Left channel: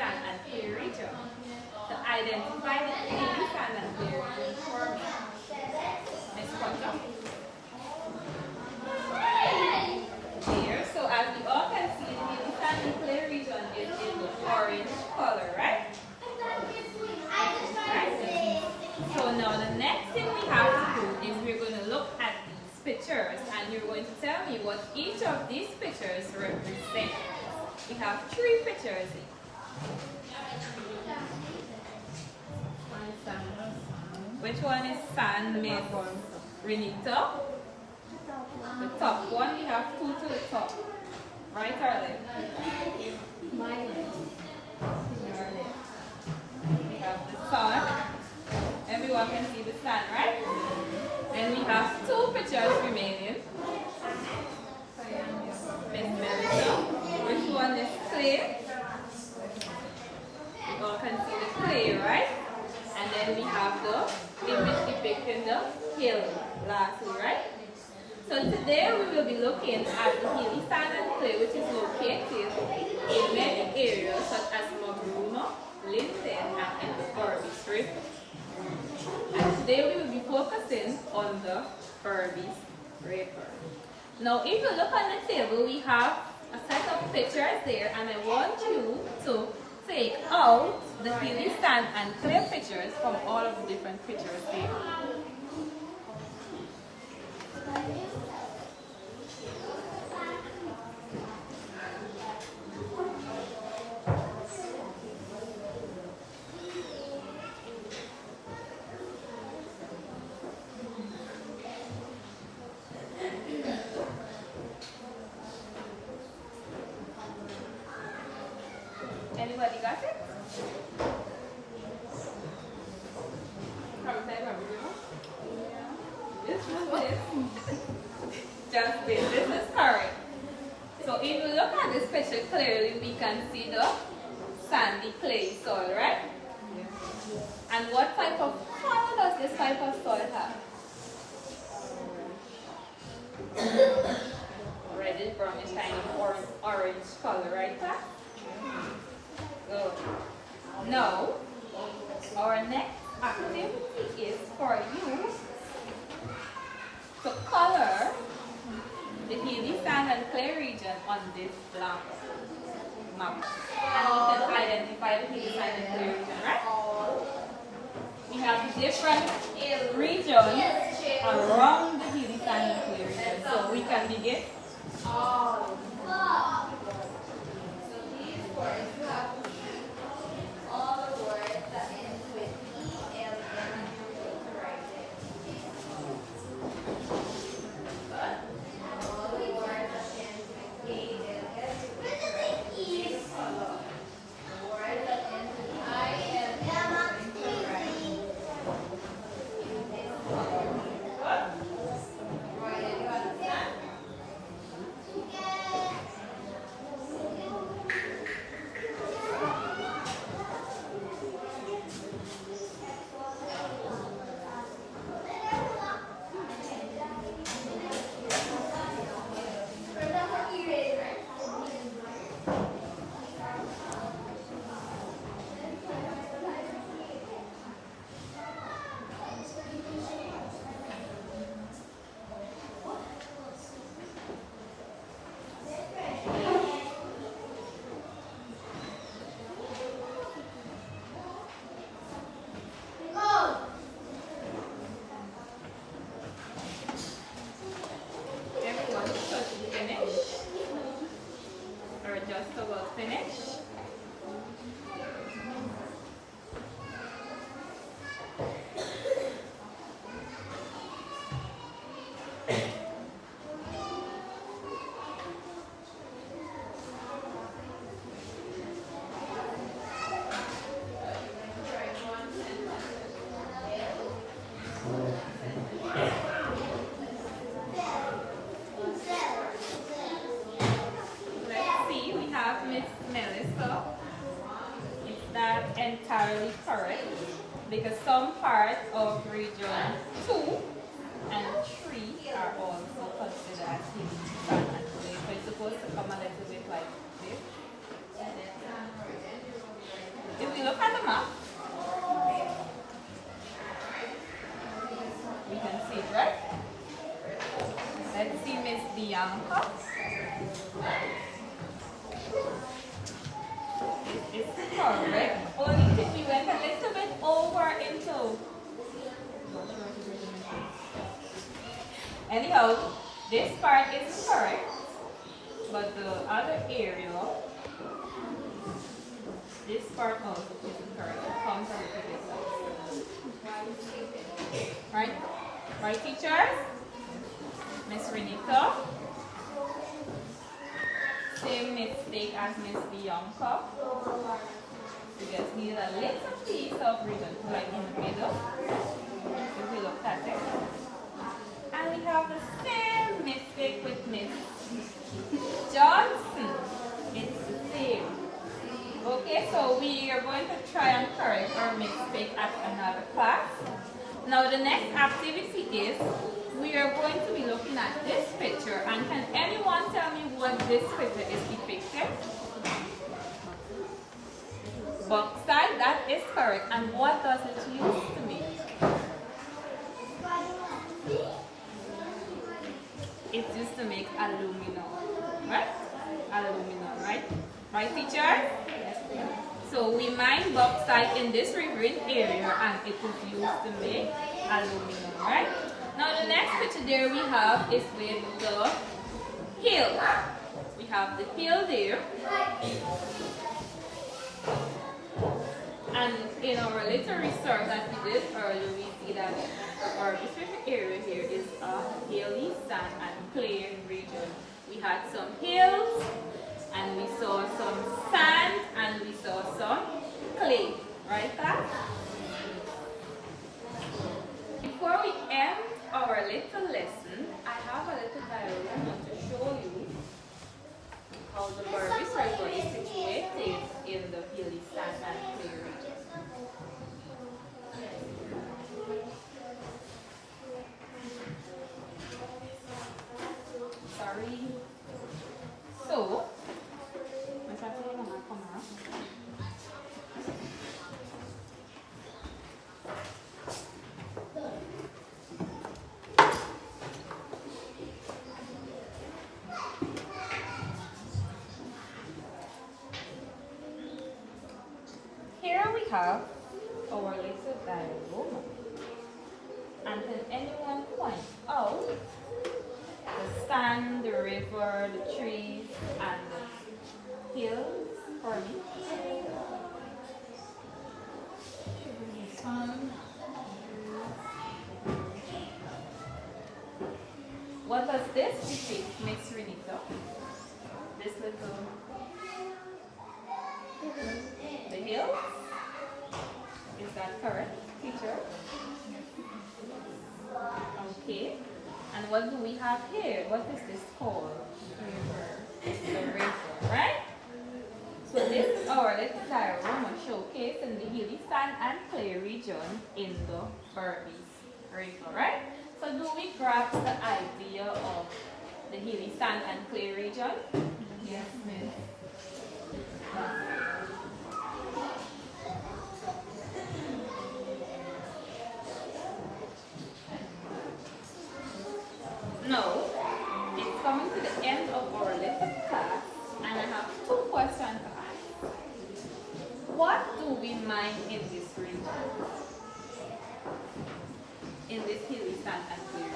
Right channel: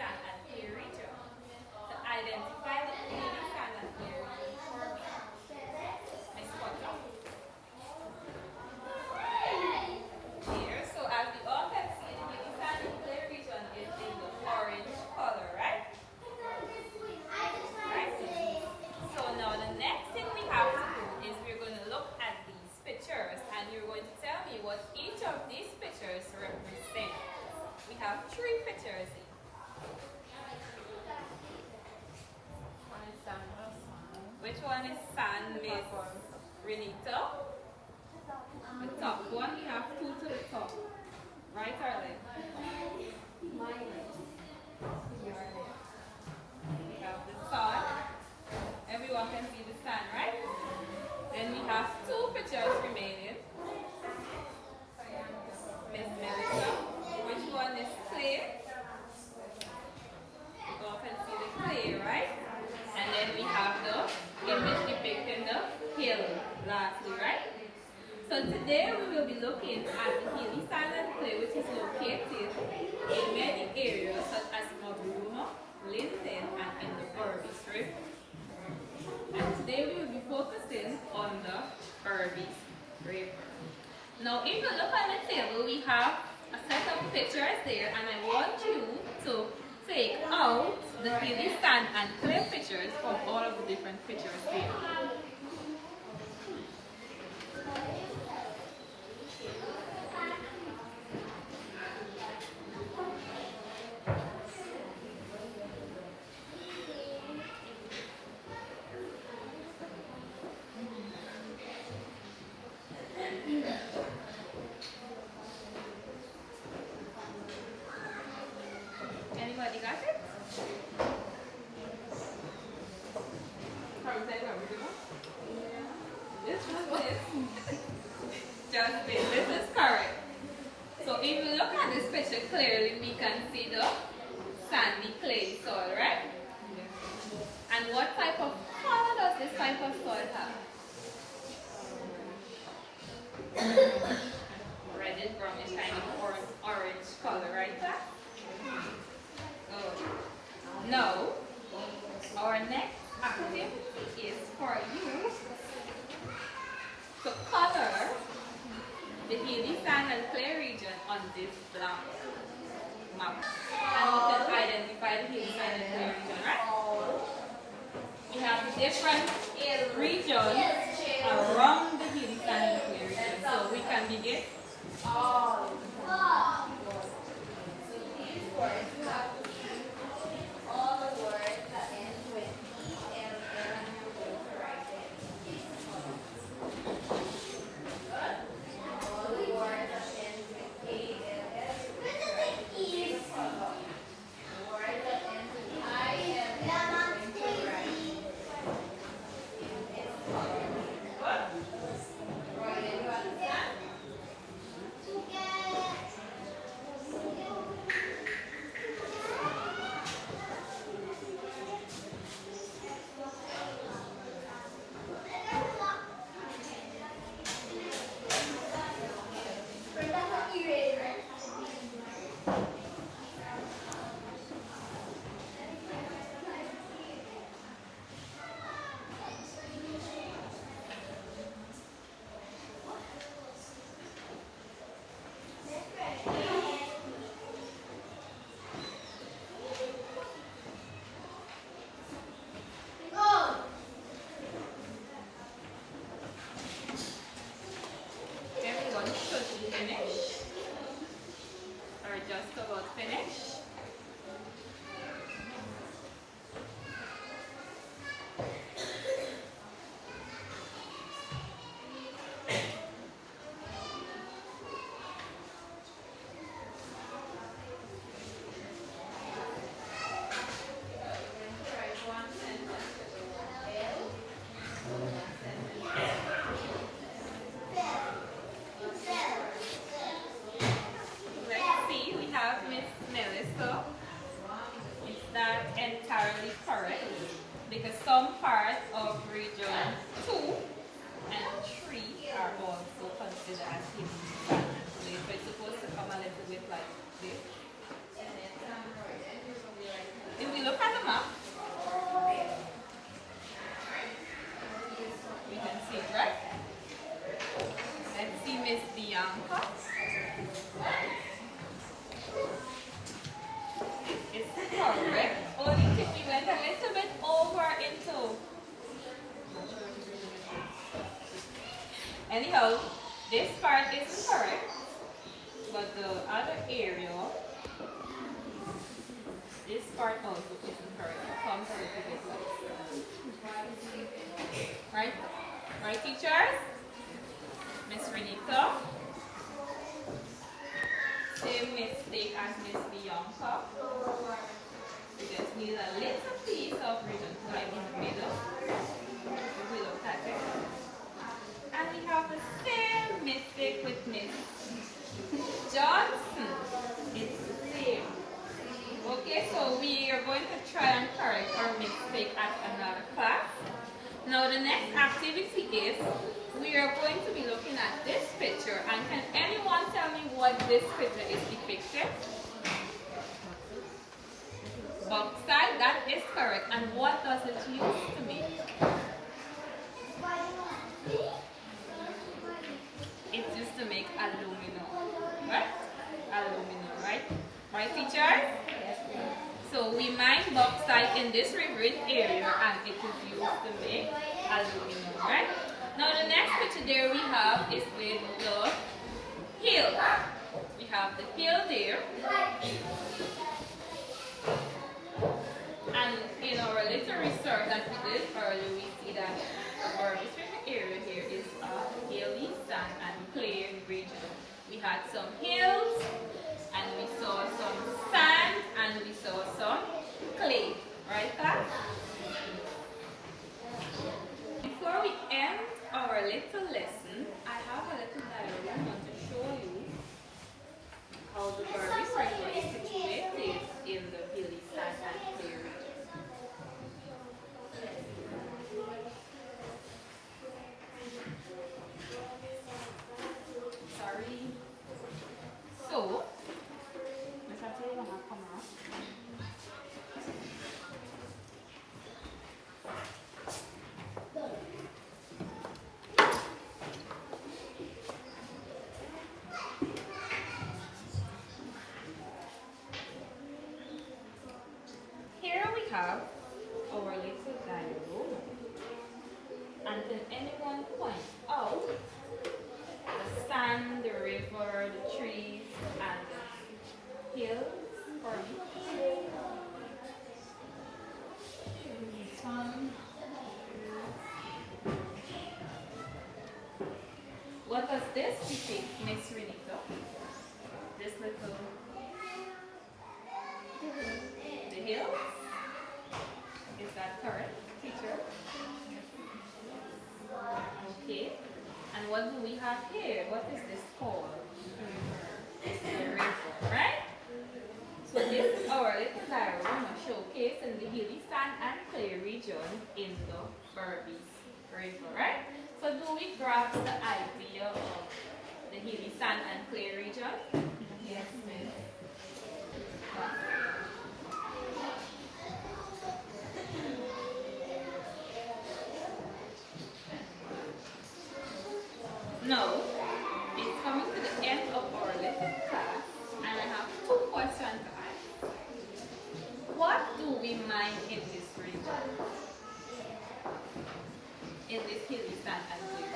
sand and clay region. To identify the hilly sand and clay region for me. Miss Potter. Here, so as we all can see, the hilly sand and clay region is in the orange color, right? Right? So now the next thing we have to do is we're going to look at these pictures and you're going to tell me what each of these pictures represent. We have 3 pictures. Which one is sand, Miss Renita? The top one, we have 2 to the top. Right or left? My left. Your left. We have the sun. Everyone can see the sun, right? And we have 2 pictures remaining. Miss Melissa. Which one is clay? You all can see the clay, right? And then we have the image depicting the hill lastly, right? So today we will be looking at the hilly sand and clay, which is located in many areas such as Mabruno, Linden, and in the Forbis River. And today we will be focusing on the Forbis River. Now if you look on the table, we have a set of pictures there, and I want you to take out the hilly sand and clay pictures from all of the different pictures there. Anybody got it? This is this. Just this. This is correct. So if you look at this picture clearly, we can see the sandy clay soil, right? Yeah. And what type of color does this type of soil have? Reddish, brownish, kind of orange color, right, class? Good. Now, our next activity is for you to color the hilly sand and clay region on this blank map. And you can identify the hilly sand and clay region, right? We have different regions around the hilly sand and clay region. So we can begin. Just about finished. Entirely correct, because some parts of region 2 and 3 are also considered as hilly sand and clay. So it's supposed to come a little bit like this. Anyhow, this part is correct, but the other area, this part also isn't correct. It comes a little bit less. Right? Right, teachers? Miss Renita? Same mistake as Miss Bianca. You just need a little piece of ribbon, like in the middle. If we look at it. And we have the same mistake with Miss Johnson. It's the same. Okay, so we are going to try and correct our mistake at another class. Now the next activity is, we are going to be looking at this picture, and can anyone tell me what this picture is depicting? Bauxite, that is correct. And what does it use to make? It's used to make aluminum, right? Aluminum, right? Right, teacher? So we mine bauxite in this riverine area, and it is used to make aluminum, right? Now the next picture there we have is with the hill. We have the hill there. And in our little research that we did earlier, we see that our specific area here is a hilly sand and clay region. We had some hills, and we saw some sand, and we saw some clay. Right, guys? Before we end our little lesson, I have a little diagram to show you how the Berbice River is situated in the hilly sand and clay region. Sorry. So, here we have our little diagram. And can anyone point out the sand, the river, the trees, and the hills for me? What does this depict, Miss Renita? This little, the hills? Is that correct, teacher? Okay. And what do we have here? What is this called? The river, right? So this is our little diagram showcasing the hilly sand and clay region in the Berbice River, right? So do we grasp the idea of the hilly sand and clay region? Yes, miss. Now, it's coming to the end of our little class, and I have two questions to ask. What do we mine in this region? In this hilly sand and clay